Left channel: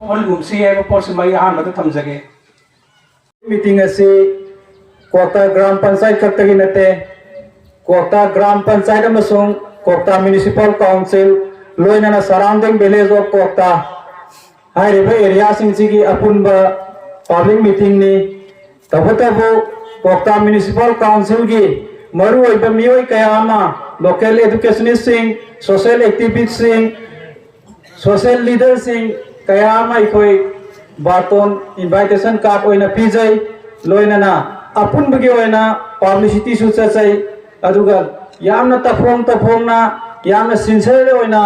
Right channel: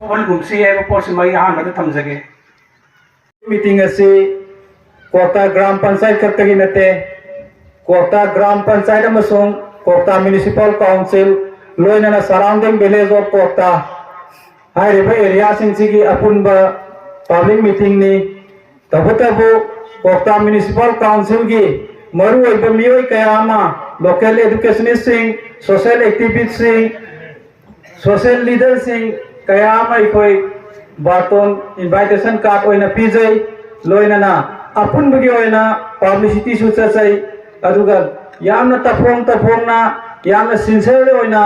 ꯋꯥꯟꯒꯨꯝꯁꯤ ꯍꯥꯏꯕ ꯄꯣꯠꯁꯤꯃ ꯑꯩ ꯑꯍꯥꯟꯕꯗ ꯊꯝꯖꯒꯦ मीटिंग असी कोकता ग्राम पंचायत खत्तगी नते कोकता ग्राम पंचायत अमसुंग कोकता म्युनिसिपल काउंसिल लोइना सराउंडिंग विलेज ऑफ कोकता हाइरिबा एरिया सिंगसिगी अपुनबा पब्लिक मीटिंग नि तबतबु कोकता म्युनिसिपल काउंसिल की मरु ओइबा मियोय कयामा लोकल एजुकेशनिस्ट सिंग सोशल एक्टिविस्ट सिंग सोशल लीडर सिंग कयामा इखोय बातोन इनविटेशन कार्ड ओइना पिजै लोइना अपुनबगी ओइना पब्लिसिटी सु चचै अदुगा यामना तफोंना यामना सिंसियर ओइना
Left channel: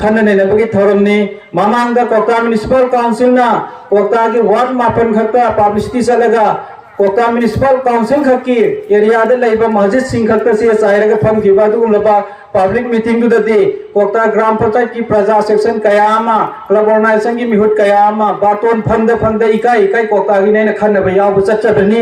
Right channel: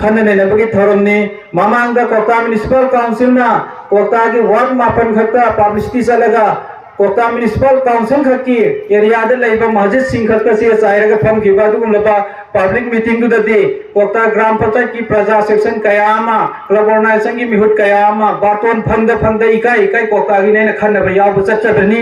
खन्ननेनबगी थरमनि ममांगा कोकता म्युनिसिपल काउंसिल ना कोकता की वार्ड मापन खत्ता पब्लिसिटी चलगा कोकता म्युनिसिपल काउंसिल खकी एरिया दे लैबा मस्जिद सिंह खत्ता से चाइरगा फमखिबा दुगुलबा पब्लिक मीटिंग दुददी कोकता ग्राम पंचायत की प्रजा सेक्शन कयामा क्लब ऑर्गेनाइजेशन की मिहुत कयामा बातोन फंद इकाई कोकता की नैना खन्नबा याबु चच्चबनी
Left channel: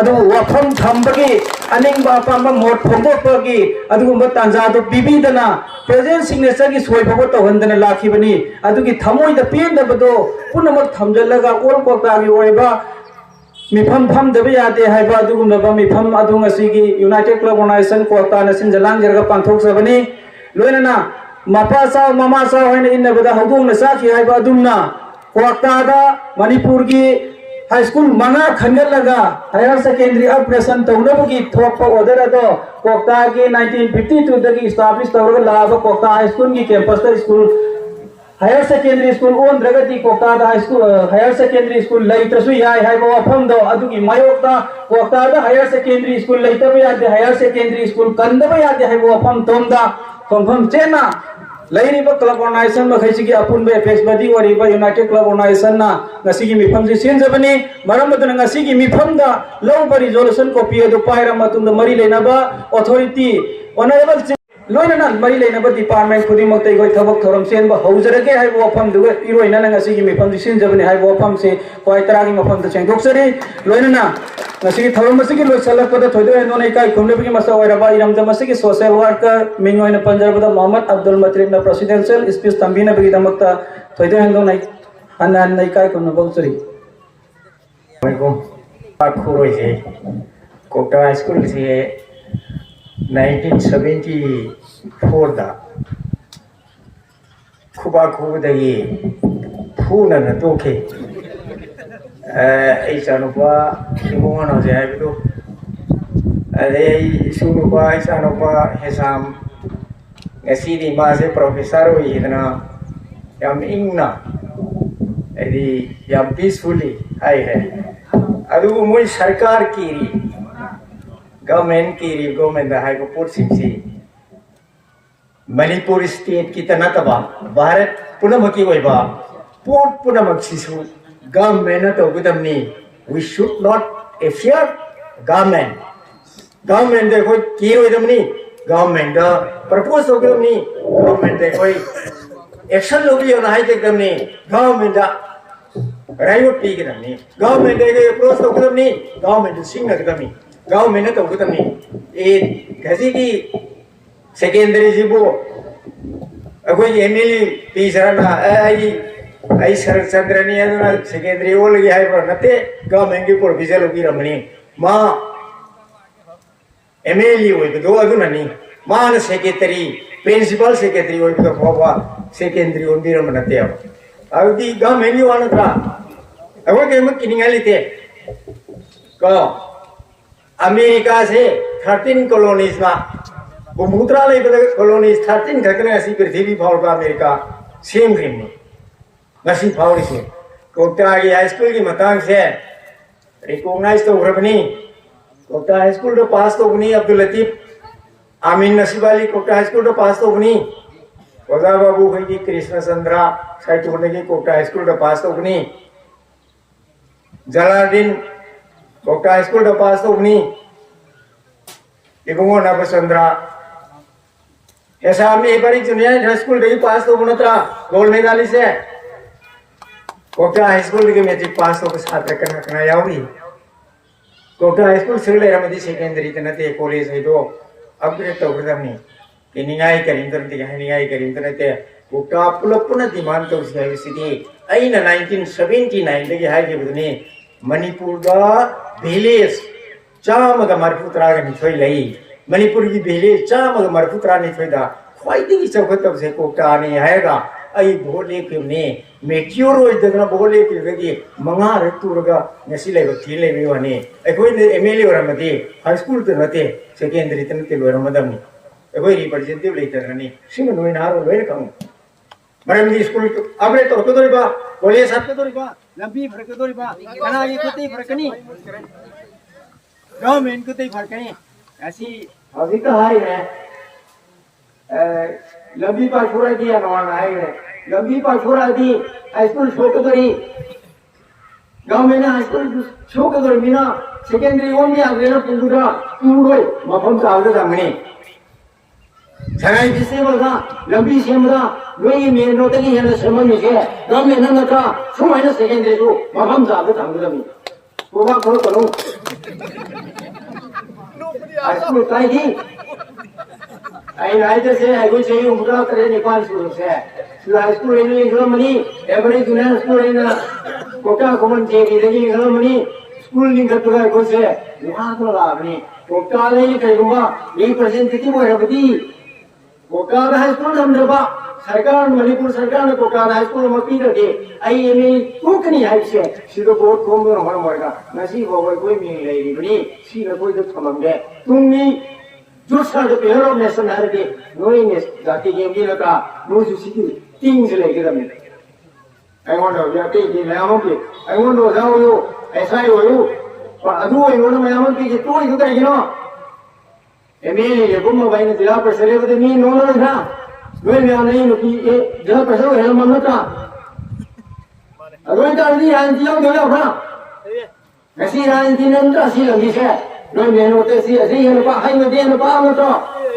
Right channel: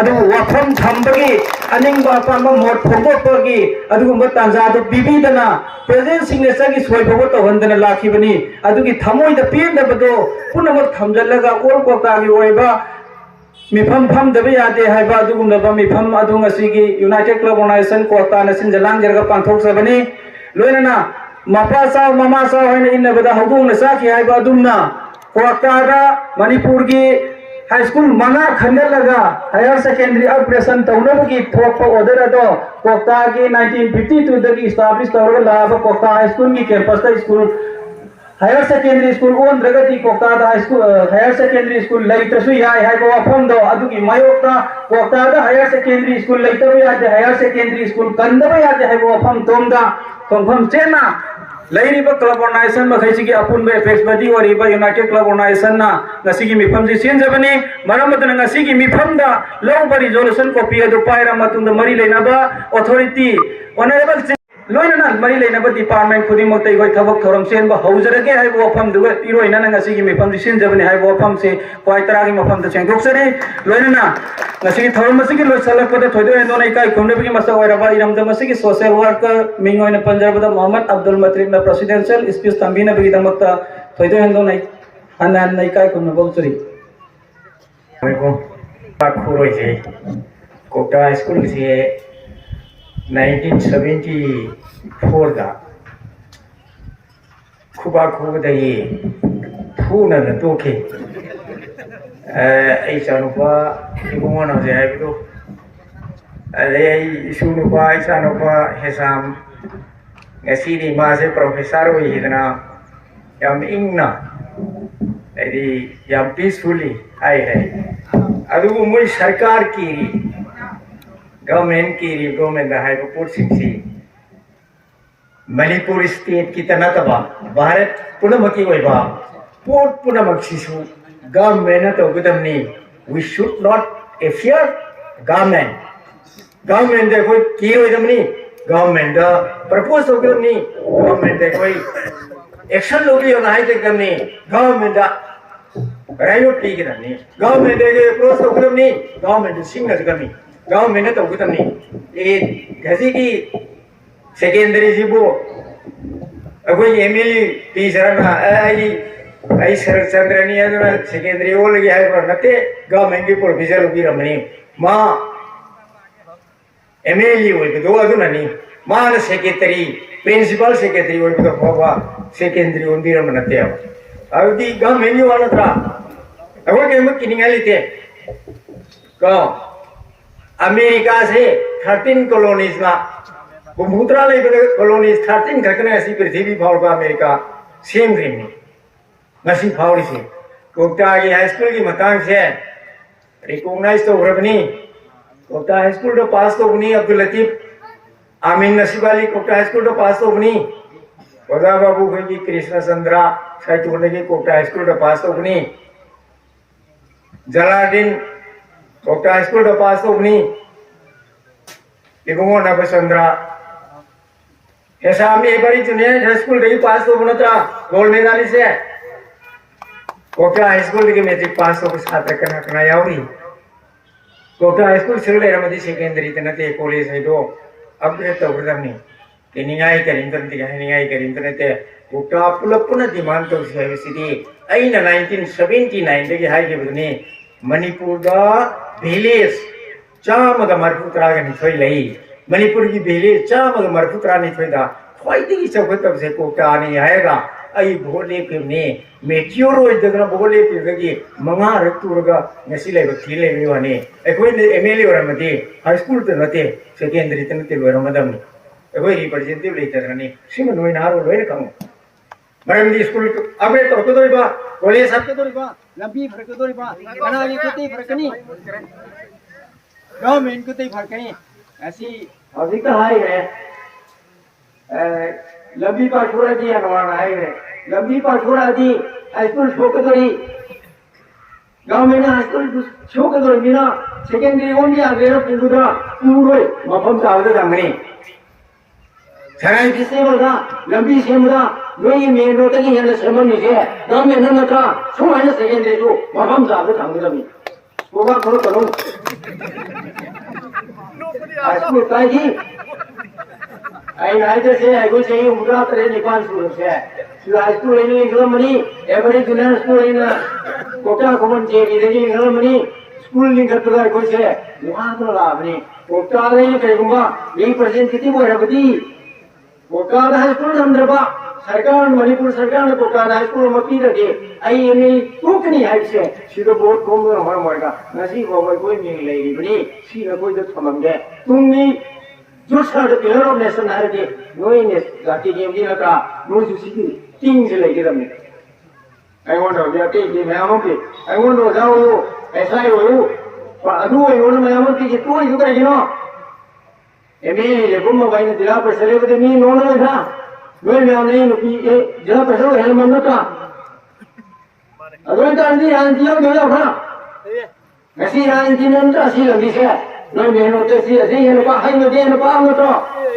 अदु वफम थंबगी अनिंगबा पांबा मोट फोंदोपगी अदुगुंबा तांजादु बिबिदना प्रेजेंट सिग्नेचर की सोयबो तोहंदना लाखिबनी अदुगी थमोइदा पेंदबदो पुनमक थमजलगा ओल कोकता की ओइबा मिफम फमदबा यादे हाइबा अदुगुंबा मिफम अदुंगसिगी United Club organisation Kokta नसिन जलांग जरगा पांथोकसबनी लोइना Mopa Sao mama Sao हैन इनबदा हौदुंगना साखि हाइबा अदुमना कोकतादा मणिपुर की हाई स्कूल मंगा खंगलगा हायर सेकेंडरी अपग्रेडेशन तौनबगी थोपा ऑर्डर अदो कोकता की 1952 दगी एस्टैब्लिश तौरगा लाबा कोकता हाई स्कूल की campus school higher secondary school ओन रगती Kwakta high school higher secondary school लैत्रसु याय हाइबा वफम दो अदुगी मायोक्ता कोकता हायर सेकेंडरी स्कूल लैतबा यादे हायर सेकेंडरी स्कूल कंदबा यादे हाइबा वफम तोमदा तोमफम चेना लैरिबा क्लब ऑर्गेनाइजेशन मखैसिगी अपुनबे एपेक्स बडी वरिबा यूनाइटेड क्लब ऑर्गेनाइजेशन ना नसिगी मिफम जि सेनजबनी मरमदना नसिगी मिफम दा लौबा रिजोल्यूशन कॉपी अदु पाइरा मतुंदा मरी लेनाबा अथॉरिटी ऑनरेबल लोइना मरी लेनाबा डिपार्टमेंट खुदिमक तै गय थबक थोरम सेनबा हौजरगे हाइबो वफम दुगे इरोइना नसिगी मिफम जि सेनजबनी हाइबो वफम से क्वाइ तरागी मफम द सेंगदोक्सरी लोइना नसिगी थोरम मसिगी लोइसलकपदा थोइदो एनोनै काइ खुमनबगी मसा ओइराबा इरमदा मसिगी सोशल वर्कर मिंगोइना पंजाबदा मोहम्मद अब्दुल मत्रिबना प्रेसिडेंशियल स्पीच तंबिना बगी दमकता थोइदो एनोनै अनन नै काइ खुमनबोक्सरी खुरोइसे कोकता स्कूल से 1974 दा खुबा खुबदगी फूना न तोखे ऐ चानुपा इमोन हो जाए तो अरे सुनुपा ऐ चानुपा हेसाम ngasi मासे प्रोफेसर हो इतना यम इंगना ऐदी यम पीसफुली आई है अदु मुई सरकार की गवर्नमेंट दा है पुरसिंगसी मणिपुर स्टेट की तनतबा भारत पुनमकी ओइबा पोट पुनमक्सिसु गवर्नमेंट तो गदमनी we should not affair government देखो की ओइदमनी गवर्नमेंट दा प्रपोज तो गदमनी गवर्नमेंट देखो एक्शन लोबियो ना है गदमनी गवर्नमेंट दा रायो पी गदमनी गवर्नमेंट दे प्रपोज तो गदमनी गवर्नमेंट सिंगना गदमनी गवर्नमेंट तो गदमनी ए गजी की सेकेंडरी सिबो अगो एमएल पी सरना आई शरद चंद्रनी अदना सेकेंडरी ओल गया है पर नते गवर्नमेंट की प्रोविजन उबी रमनी मा एमएल होय दो अदुननी मान सेक्रेटरी प्रिंसिपल सेक्रेटरी होय तो होबा सेकेंडरी उबी रमनते अबदी गवर्नमेंट की वानत्रा अगो केम किनिंगलिते को अमेरिका से 13 कॉलोनीज ना बुमुद्रा ले कॉलोनीज 13 घटने ऐसी पृथ्वी फाउल का अमेरिका सेम ग्रीन नसी फाउल से कोकता की हाई स्कूल की मतांग से रिकॉग्नाइज तो रबनी कोकता हाई स्कूल तो पास तो बनी अब्दुल लतीफ आमीन नसीबाली कोकता हाई स्कूल तो पास तो बनी गोदा बाबू भाई की कृष्ण चंद्रा साइट होने की कोकता हाई स्कूल तो पास तो बनी जलालुद्दीन कोकता हाई स्कूल तो पास तो बनी इबंगो नबचंद्रा ऐसा में बड़ी जूनियर हाई स्कूल दे पास तो बनता गोल्ड मेडलिस्ट से कोकता हाई स्कूल के मैट्रिक पास तो छात्र कना यावरी कोकता हाई स्कूल से लेरा मदी सेकेंडरी तनते कॉलेज है तो अपग्रेड तो गदमनी किनिंगाई करिंतनते Kwakta pulapuna demand to city. Aina 1979 dagi hai ke budne Manipur da village chama da marputra ga ni thoi lai. Manipur ki village chama da marputra ni thoi da. Khwai di chawkat tab se Kwakta ni hai ga. Ai bhole pe ne mature oi da na bhole pe gi manga raktur ga ngasi lai ba thile me wane. Ai koi MLA ora mate high school te nate secondary te nate lora madam. Ai koi representative lai tar ni sing noi na ro loi kam. Maram di school abe to ko dori ba college sat ko dori ba lambi phar ko dori ba kana ye kutai phar ni government kutai phar ni ऐसी अभी तो है लंबी पर पूरा दिया नवाना है लंबी पर पूरा दी स्कूल छोड़ दो गांव में ना स्कूल छोड़ दो बिना सेकेंडरी ओन के आगे ना पूरा पूरे मफम चावल दंगने जगह किसने बोला लंबी सेमरा वही मेन रोड की है ना सेमन निजे गांव में ना का सुन है ना सेकेंडरी को मफम चावल दंगने लगी वो बात करो करो स्कूल काय थी आई नाइ जैसे आई को चाहिए उनका तरह नेपाल स्कूल से सुलाई school ini Germany every junior school in Kwakta Khuman je ni Germany school ni kat ga ko se वहां तो लाभ नहीं Kwakta नहीं करेगा 1% कितनी वो है बती Kwakta हाई स्कूल समझबा सरकार मणिपुर सरकार ने Kwakta हाई स्कूल मती रखे आई एमए कुक नहीं है से सिरो बोर्ड कोम में हमारा मरेगा नसी को कोई मिल लेगी बनी सी ना कोई तो समझे तुम भी जो सारे प्लेयर ऑफ नेशन है रे नोई ने जाति गेम की लगा नो जुसी तीन से लेके रमे आई वांट टू या के मैं हम के आई वांट टू जाओ यो ऐसा ही हो यो पर अदु आई वांट मैं हम के तो ही करेगी ना एमएलए ले गुम भाई ने जिला पर सरे तो मी नो ना था नोई में नहीं नो की ए जिला पर सरे है मन का अदु तो अंदी आंटी हम दे ना ऐसी आंटी ने तो ऐसी लंबी से नोई में होते सी ऐसे ये का हाई में दे ना पा में तो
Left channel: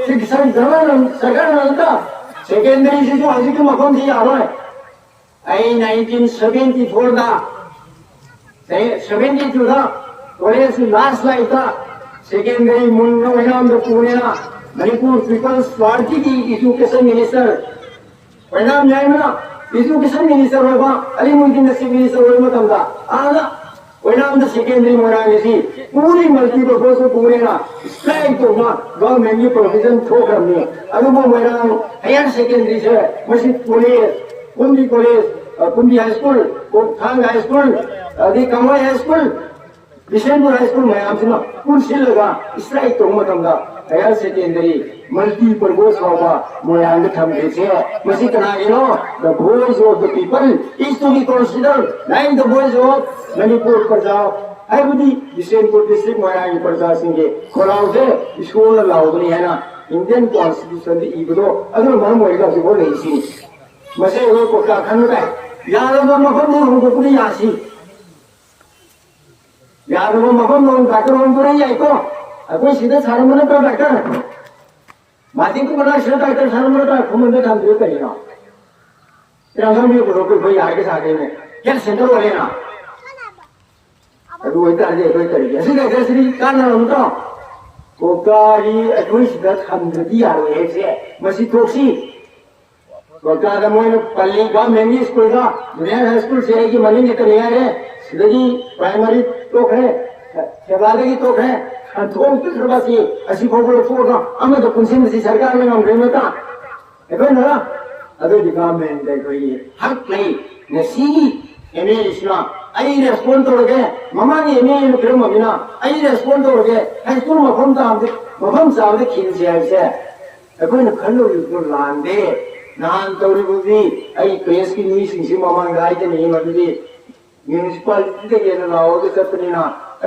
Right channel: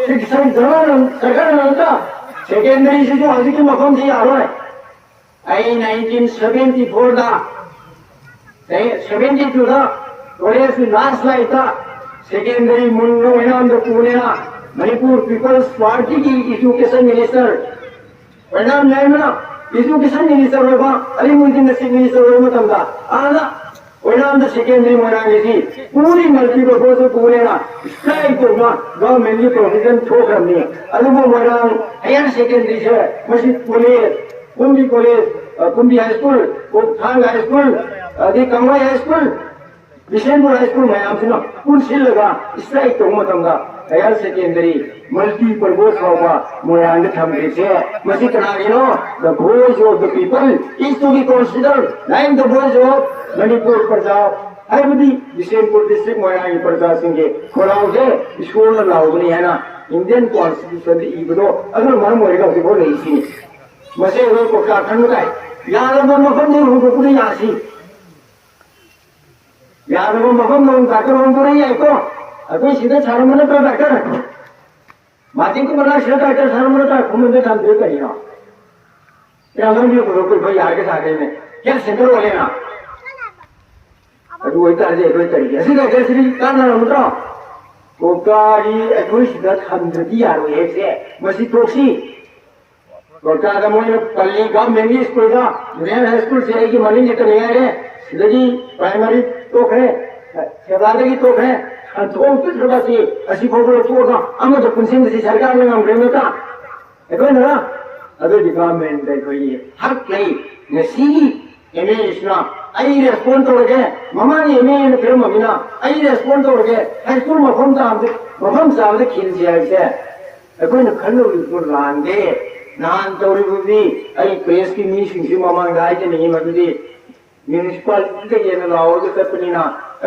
शिक्षा जमान सरकार ने तो सेकेंडरी से जो आज की मकान थी आ रहा है आई 1974 दा 72 दा कॉलेज लास्ट लाइफ था सेकेंडरी मुन्नो वैनाम द पुणे मणिपुर पीपल्स पार्टी की एजुकेशन मिनिस्टर वैनाम जाए ना एजुकेशन मिनिस्टर होगा अली मुल्किन से मिनिस्टर होगा तंदा आना वैनाम द सेकेंडरी मोरांगे सी पूरी मल्टीपर्पज पुणे ना स्ट्राइक तो ना गवर्नमेंट की प्रोविजन ठोक रही है अभी वो मोरांग हायर सेकेंडरी से मस्जिद college Kumbi college Kumbi high school Kothang high school दी कमवाई high school Bishnupur high school में आपसे ना कुल सिल लगा स्ट्राइक तो मत हमदा हायर सेकेंडरी मल्टीपर्पज होगा मोरांग थमके से मस्जिद कनागे नो the voice of the people is to be considered like the voice of Manipur प्रजा आई बुदी बिशनपुर डिस्ट्रिक्ट मोरांग प्रजा सिंह के खोलाव से स्कूल लाओगनी है ना इंडियन कॉन्स्टिट्यूशन दी इबदो अगर मन मोरेगा से बोल नहीं सी मसे वो को का खनु काय यार वो मफम नहीं हो को नहीं आसी यार वो मफम नहीं का को हम नहीं आई तो कोई सीधे सारा मन तो डॉक्टर माती को बना सीधा डॉक्टर सारा मन तो घूम में काम दे करेगा तेरा हम भी को कोई भाई आगे सागे में क्या सेंटर वाले ना अदु वही तार दे कोई करेगा सीधा कैसे कान ना मुतो कोकारी अकुई सीधा थंद्रदी यार है से मसी टोक्सी Kwakta का मोने पल्ली गांव में भी स्कूल का जूनियर हाई स्कूल से आई की मनी निकल गया है सीधी प्राइमरी तोक है शबादे की तोक है अंतों पे सरबासी ऐसी फोटो फोटो हमें तो कुंसिन से सरकार ने हम प्रेम था ऐसे ना अबे डिपार्टमेंट देखो ये हक नहीं नसी एमए इस्लाम आई रेस्पॉन्ड तो लगे मामा ने एमए में प्रेम मम्मीना आई रेस्पॉन्ड तो लगे हाई स्कूल में मफम साहब ने खिल से ऐसे ऐसे न खल्लो इसको लांदे नान तौरी बुद्धि आई प्रेस की नी सिंसी मामा गाय के नहीं मददी म्युनिसिपैलिटी के ना लाओ तो सब नहीं ना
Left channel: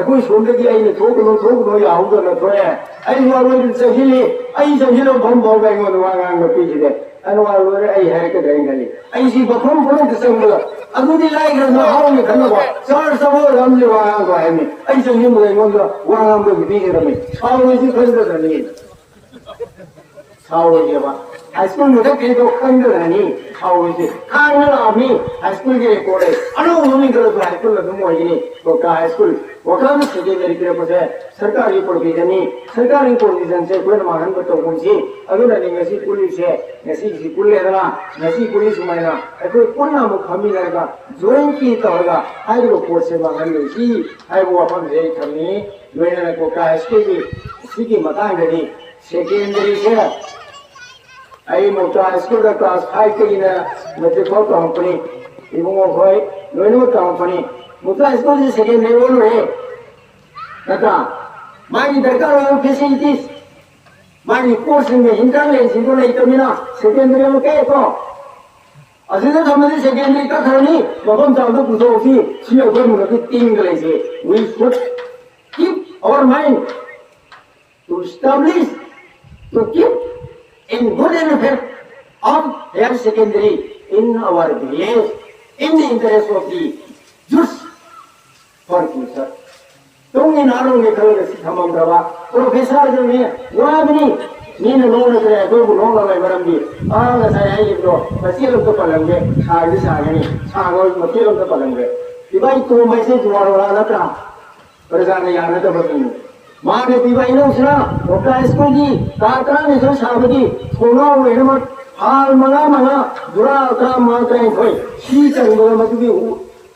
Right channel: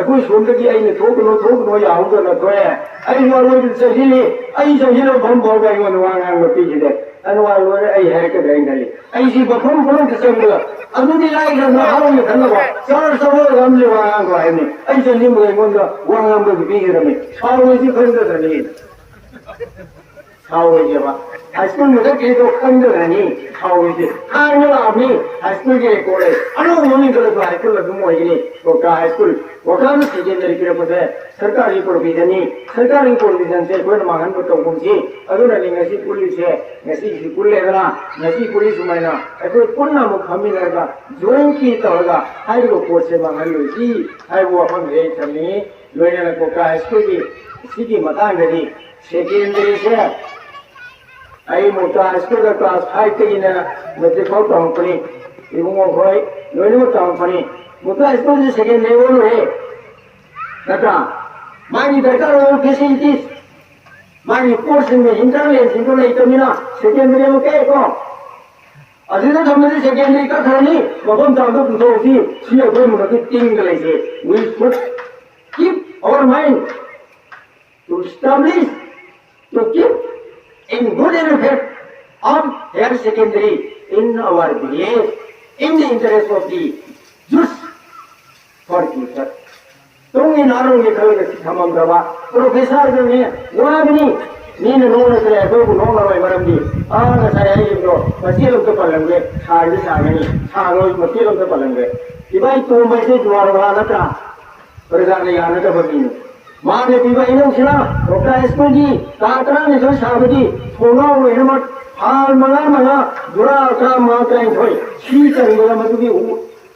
कोई सुन के आई ने थोक नो याऊ तो न तो है आई वालो से हिली आई जो हिलो बम बम गई वो वांगा मती जिदे अनवार वो आई है के गई नहीं आई सी बखम बोलो के संग अदुदी लाई के ना हारो में खन्ना को सर सब रमले वांगा को है नहीं आई जो हिलो में वांगा को भी के रमे छाव में सी खंड नहीं 사오게지가 하이스쿨 무대 계속 흔들하니 사오게지 하늘아미 하이스쿨 게 고래 아무 의미 그래도 하이스쿨 너무 뭐이니 거까 하이스쿨 वकाम सेकेंडरी के पसे सरकारी प्रोविजन सरकारी प्रोविजन से कोई मांगन को तो कुंसी अगर नहीं ऐसी पुलिस है ऐसी स्कूल लेना ऐसी पुलिस मैना कोई पुन्ना मुखमी रहेगा ज्वाइन की तो होगा हर को कोर्स से मांगन लूसी हर वो अपन जे थनी लोने को का स्कूल की सीधी मतांग गई सेकेंडरी से आई मोटा स्कूल का क्लास 5 के इन मते को कंपनी इवो कोई लोने कंपनी मोटा स्कूल से सेकेंडरी वो है नका मानी दरकार हो फैसिलिटीज मानी कोर्स में इंटरनेट सिंगल नहीं तो मिला सेकेंडरी में क्या को अजीज़ हमने सेकेंडरी का खरनी बगम जाओ तो उसी सीए को मुझे तीन गले से we should keep our mind to establish to keep in good effect of higher secondary in our village in the interest of the youth for future 동이 나는 게 그런 것이 담아들어봐. 프로페서들이 와비니 니는 농을 그래 그리고 농을 말한디 아 사야이 저 마시로도 발랑게 사이 사가니 사고 마시로도 발랑게 이바이 또 마시 좋아하는 거 하나다 그러자니 야나도 버리니 마네 비바이는 싫어 오카 스쿨기 다크랑에서 사버디 소나오 이놈아 아 망아 두라카 마카인 거이 시장이 뭐가 맞기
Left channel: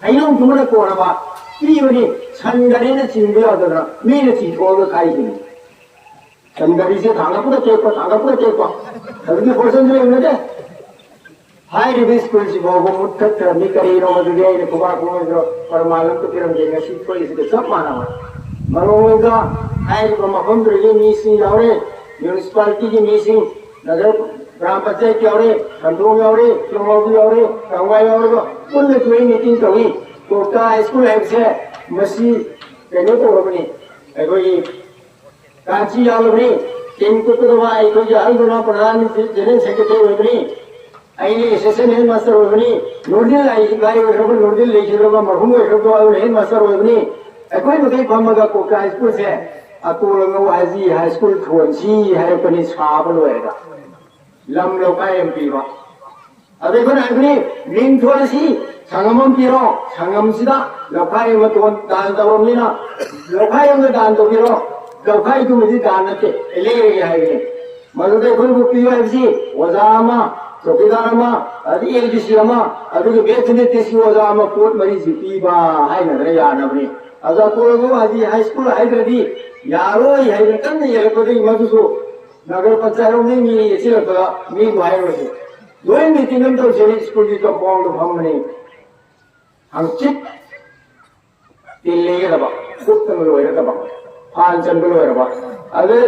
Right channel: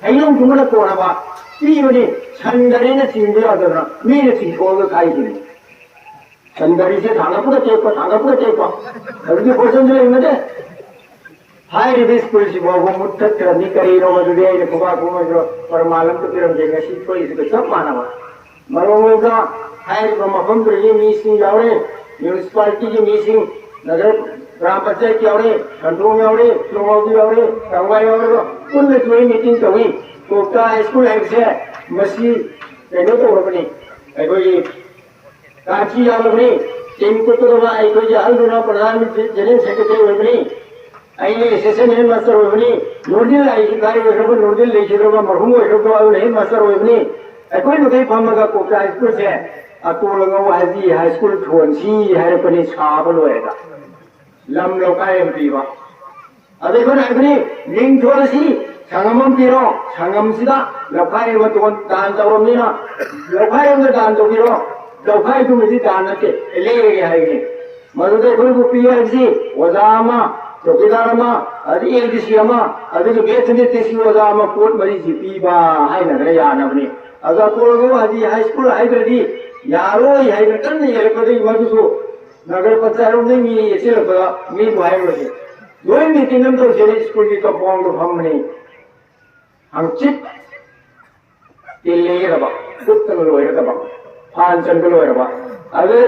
아이놈 주문에 꼬나 봐 이분이 산다리는 진대하더라 미래 진고를 가이지 산다리세 다가पुरा टेको अभी पर्सेंट में हाई रिव्यू स्कूल से वो मुट्ठत करनी करी रो मजुदे ने कुबा कुमा जो और मालूम तो फिर हम देंगे सीट को इसके सब माना हुआ मरोंगे का हाई रिव्यू मफम तो ये मीटिंग यावरे म्युनिसिपैलिटी की मीटिंग नगर ग्राम पंचायत की यावरे कंट्रोल यावरे प्रोमोट यावरे कंगाई यावरे कुल में मीटिंग करी कोकता स्कूल है से मसी कहने तो होगी कोई कांची यालबनी टीम को तो वहाँ कोई जाल दोनों प्रधान जनरल सेक्रेटरी होगी अहिले एसएसए में मास्टर होगी नोर्दिल आई गाय होगा नोर्दिल लेके होगा मरहूम होगा और नहीं मास्टर होगी कोई तो कहीं फॉर्म का कोकता स्कूल से अतो लोगों वाजी हाई स्कूल थोड़ी है अपनी छाप लोएगा लम लोका एमपीवा अबे कौन है लिंक थोड़ी सी 상암은 비로 상암시다 लखाएगा तो दान तोड़ने ना लखाएगा दान तो बिरो लखाए तो मुझे दान नते ले गया है ये मधुरे कोई वो पिया ऐसी वजामा चौकीदारमा अभी एक दिसियामा अभी के बेचने तीसी वजामा कोट मरी सी पीबा है ना रे यार नबनी अगर कोई वो अभी हाई स्कूल हाई करदी यारो हाई करते नहीं है लेकिन मधुसो नगर पंचायत में मी ये चीज़ लगा मी वायर होते दो ही मीटिंग में तो चले स्कूल की कंपाउंड हम नहीं अंचित दिल्ली दबा कुत्तन लोए दबा फांचन लोए अबे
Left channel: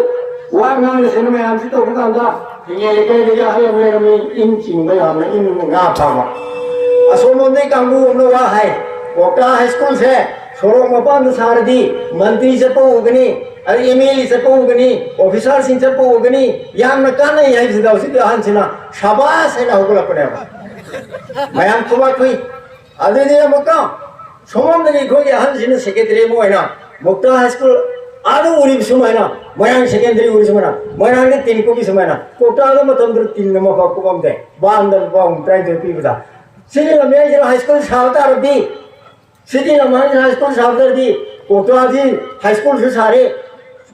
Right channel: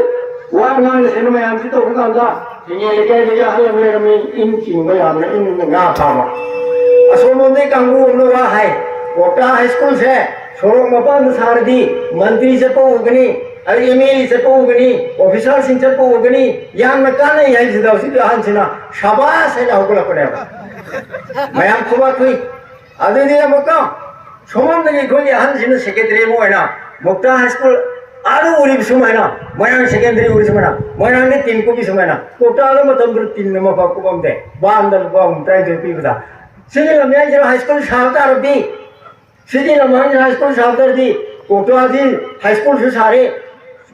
वांगन सिनेमा अंचित तो बुkan दा ये लेके हमें मेरे में इन चिंग हमने इन ना पामा असोमोंदे कांगू उन्नो वा है कोटा हाई स्कूल से सोरों मपान सारदी मंत्री से पोगनी अरे ईमेल से पोगनी ऑफिसर सिंह से पोगनी याम न काने यही जिदा उसी हंसना शाबाश है ना होगला पड़ेगा मैं हम खुबा कोई अदुदिया मक्का सोमंदगी कोई हंसिन सेक्रेटरी मोयना मुक्ता हाई स्कूल आरो उरी सुमायना मयां सेकेंडरी उरी सुमायना मयां ने तीन को भी सुमायना कोटाले मतम दर तीन नमा का कुबम दे बांदल बम ट्राई दे पीबदा सिदी लम्या जरा हाई स्कूल शालता रबी सिदी लम्या हाई स्कूल शालता रबी कोटा जी हाई स्कूल से सारे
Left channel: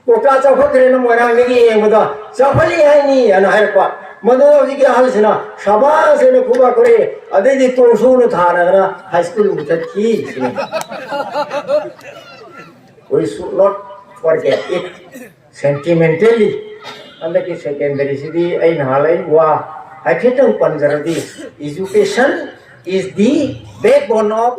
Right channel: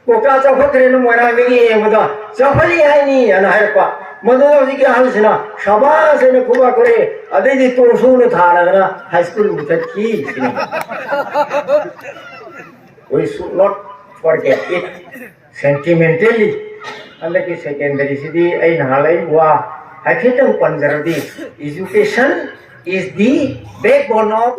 कोटा चौफा करे न मयां में ये बदा चौफली है नहीं है ना है पा मधुआ जी के हाल से ना शाबाश ने खुबा करे अदे जी तो सुन था ना हाई स्कूल में की we should not forget it sentimentally and the secondary city ai halai wa hakitang panjaradi education is the backbone of